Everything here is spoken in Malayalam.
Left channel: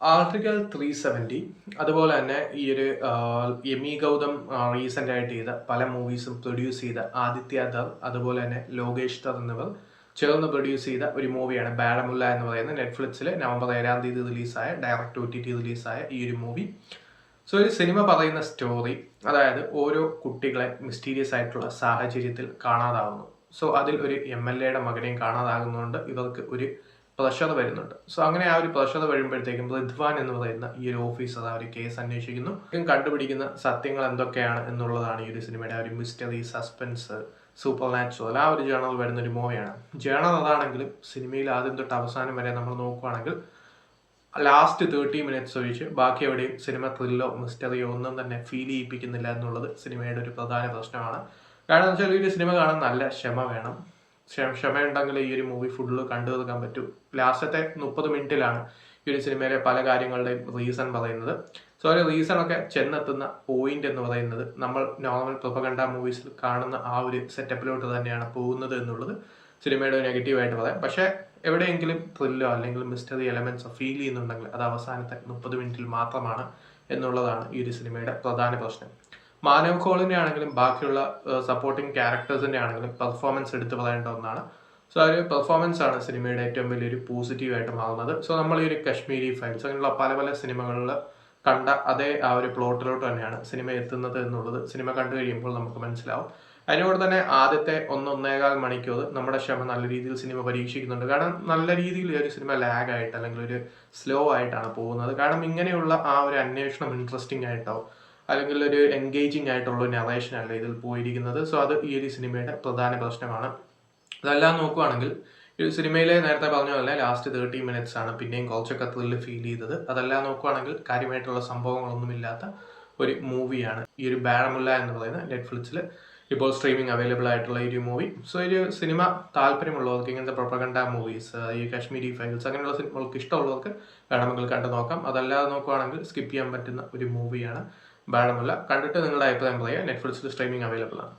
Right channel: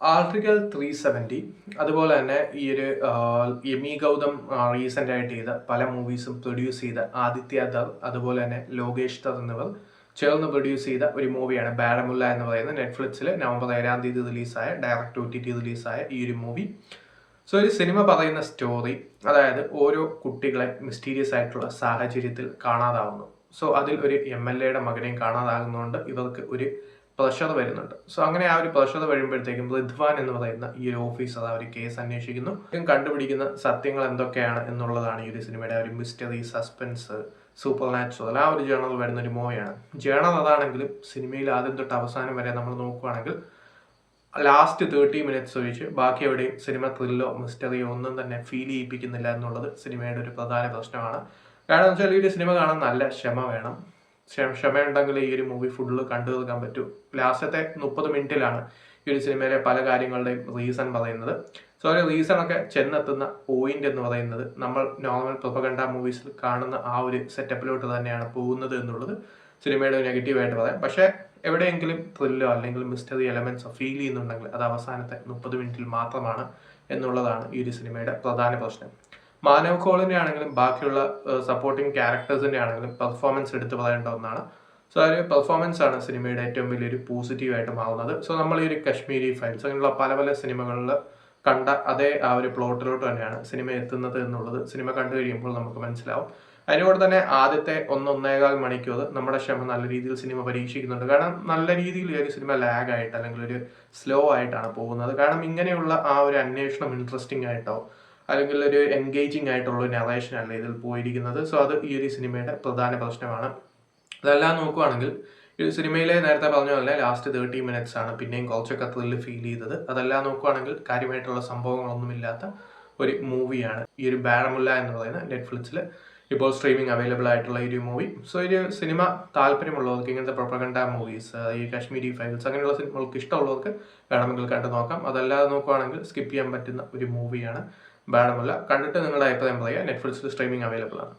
ആർട്ടിക്കിൾ 370 അതുപോലെ തന്നെ ഈ ഒരു യമി ഗൗതം റീസെൻ്റ് ആയിട്ട് ചെയ്ത പല മൂവീസും പ്രൊഡ്യൂസ് ചെയ്ത ആദിത്യ ധർ അതുപോലെ തന്നെ ലോകേഷ് ധർ എന്നിവർ ചേർന്ന് പ്രൊഡ്യൂസ് ചെയ്ത ഒരു മൂവിയാണ് ബാരമുല്ല എന്ന് പറയുന്ന നെറ്റ്ഫ്ലിക്സിൽ നവംബർ 7-ാം തീയതി റിലീസായ ഡയറക്റ്റ് OTT റിലീസായ ഈ ഒരു മൂവി. സോ ഒരു സിനിമ പറയുന്ന സ്റ്റോറി, അതായത് ഓരോ കുട്ടികളെ മിസ്റ്റീരിയസ് ആയിട്ടുള്ള സാഹചര്യത്തിൽ കാണാതാവുന്നു. സോ അതിൽ ഒരു MLAയുടെ മകനെയും കാണാതാകുന്നതുകൊണ്ട് ഇവർക്ക് ഒരു പ്രഷർ വരുന്നുണ്ട്. സോ അങ്ങനെ ആ ഒരു പ്രഷർ വരുമ്പോഴത്തേക്കും റിദ്വാൻ എന്ന് പറയുന്ന ഈ ഒരു ഓഫീസർ ആ ഒരു കേസ് അന്വേഷിക്കുന്നു. കണ്ടുപിടിക്കുന്ന സത്യങ്ങൾ എന്തൊക്കെയാണ് എന്നുള്ളതാണ് ഈ ഒരു സിനിമയുടെ ഒരു മിസ്റ്ററി, സസ്പെൻസ്, സൂപ്പർ നാച്ചുറൽ ആ ഒരു ജേണൽ വരുന്ന ഒരു മൂവിയാണ്. ജേണൽ അതാണെങ്കിലും സിനിമയിൽ ആദ്യം തൊട്ട് അവസാനം വരെ നമ്മൾ നോക്കുകയാണെങ്കിൽ ലാസ്റ്റ് 30 മിനിറ്റ്സ് ഒഴിച്ച് ബാക്കി എവിടെയും സിനിമ ത്രില്ലോ മിസ്റ്ററിയോ ഒന്നും തന്നെ ഫീൽ ചെയ്യിപ്പിക്കുന്നില്ല എന്നുള്ളത് സിനിമയുടെ ഒരു പ്രധാന പ്രശ്നമാണ്. കാരണം എന്ന് വെച്ചാൽ ഈ ഒരു സിനിമ കാണാൻ നല്ല ക്ഷമ വേണം. ക്ഷമയുണ്ടെങ്കിൽ ഈ ഒരു മൂവി ഫുള്ള് കണ്ടു തീർക്കാൻ പറ്റൂ. ലാസ്റ്റത്തെ 30 മിനിറ്റിലാണ് ഈ ഒരു സിനിമയിലെ പല കാര്യങ്ങളുടെയും റീസൺ പറയുന്നത്. സോ ഒരു റീസണൊക്കെ ചെന്നെത്തുന്ന പോയിന്റ് എന്ന് പറയുന്നത് നമ്മൾ നോർമൽ പ്രൊപ്പഗണ്ട മൂവീസിൽ കാണുന്ന ആ ഒരു സെറ്റപ്പിലോട്ട് തന്നെയാണ് പോകുന്നത് എന്നുള്ളത് സിനിമയുടെ നെഗറ്റീവായിട്ട് പറയാം. പക്ഷേ എവിടെയെങ്കിലും ത്രില്ലോ അല്ലെങ്കിൽ മിസ്റ്ററി എലമെന്റ്സോ ഫീൽ ചെയ്യുന്നുണ്ടെങ്കിൽ അത് അവസാനത്തെ 30 മിനിറ്റിൽ മാത്രമാണ് എന്നുള്ളതാണ് ഈ ഒരു സിനിമയുടെ പ്രധാന പ്രശ്നം. മാനവ് കോളിൻ്റെ ആണെങ്കിലും ബാക്കിയുള്ള സപ്പോർട്ടിങ് ക്യാരക്ടേഴ്സിൻ്റെ ആണെങ്കിലും പെർഫോമൻസ് എടുത്ത് പറയേണ്ട ഒന്നാണ്. സോ ആ ഒരു പെർഫോമൻസ് ആണ് സിനിമയുടെ ഏറ്റവും വലിയൊരു പോസിറ്റീവായിട്ട് മാറുന്നത്. സോ നമ്മൾ ഈ ഒരു കശ്മീരി ഫയൽസ് അങ്ങനെയുള്ള പല പല സിനിമകളിൽ കണ്ട അതേ ആ ഒരു പ്ലോട്ടിലോട്ട് തന്നെയാണ് സിനിമ എത്തുന്നത് എന്നുള്ളത് സിനിമ കണ്ടു കഴിയുമ്പോൾ നമുക്ക് മനസ്സിലാവും. അതിനോട് തന്നെ ആദ്യത്തെ 1-1.25 മണിക്കൂർ നമ്മുടെ ക്ഷമ നല്ല രീതിയിൽ സിനിമ പരീക്ഷിക്കുന്നുണ്ട്. കാരണം നല്ല രീതിയിൽ ഈ ഒരു സിനിമ ലാഗായിട്ട് അല്ലെങ്കിൽ ഒരു സ്ലോ ആയിട്ടാണ് പോകുന്നത്. കാരണം ഇങ്ങനെയുള്ള ആ ഒരു അന്വേഷണം ഇൻട്രസ്റ്റിംഗ് ആയിട്ടോ അല്ലെങ്കിൽ ഒരു എൻഗേജിങ് ആയിട്ടുള്ള ഒരു നറേഷൻ അല്ല ഇതിൽ പോയിരിക്കുന്നത്. സോ അത് ഈ ഒരു സിനിമയുടെ പ്രധാന പ്രശ്നമാണ്. അതെല്ലാം നോക്കുകയാണെങ്കിൽ ഈ സിനിമയിലെ നേരത്തെ പറഞ്ഞ പോലെ ലാസ്റ്റ് 30 മിനിറ്റ്സ് ആണ് പിന്നെയും കുറച്ചൊക്കെ ത്രില്ല് ഫീൽ ചെയ്തത്. അതെല്ലാം നോക്കുകയാണെങ്കിൽ കാര്യമായിട്ടുള്ള സംഭവങ്ങളൊന്നുമില്ലാത്ത ഒരു മൂവിയാണ് ഈ ഒരു ബാരമുല്ല എന്ന് പറയുന്ന നെറ്റ്ഫ്ലിക്സിൽ ഇപ്പോൾ സ്ട്രീമിംഗ് അവൈലബിൾ ആയിട്ടുള്ള ഈ ഒരു മൂവി. സോ ഒരു സിനിമ താല്പര്യമുള്ളവർക്ക്, ഇങ്ങനത്തെ പ്രൊപ്പഗണ്ട മൂവീസ്, ഈ കശ്മീരി ഫയൽസ് അങ്ങനെയുള്ള സിനിമകൾക്ക് ഇഷ്ടമുള്ളവർക്ക് വേണമെങ്കിൽ കണ്ടു നോക്കാം. അതല്ലാതെ നോക്കുകയാണെങ്കിൽ സ്കിപ്പ് ചെയ്യാൻ പറ്റുന്ന ഒരു മൂവിയാണ് ബാരമുല്ല. കണ്ടിട്ട് നിങ്ങളുടെ അഭിപ്രായം പറയുക. നെറ്റ്ഫ്ലിക്സിൽ സ്ട്രീമിംഗ് അവൈലബിൾ ആണ്.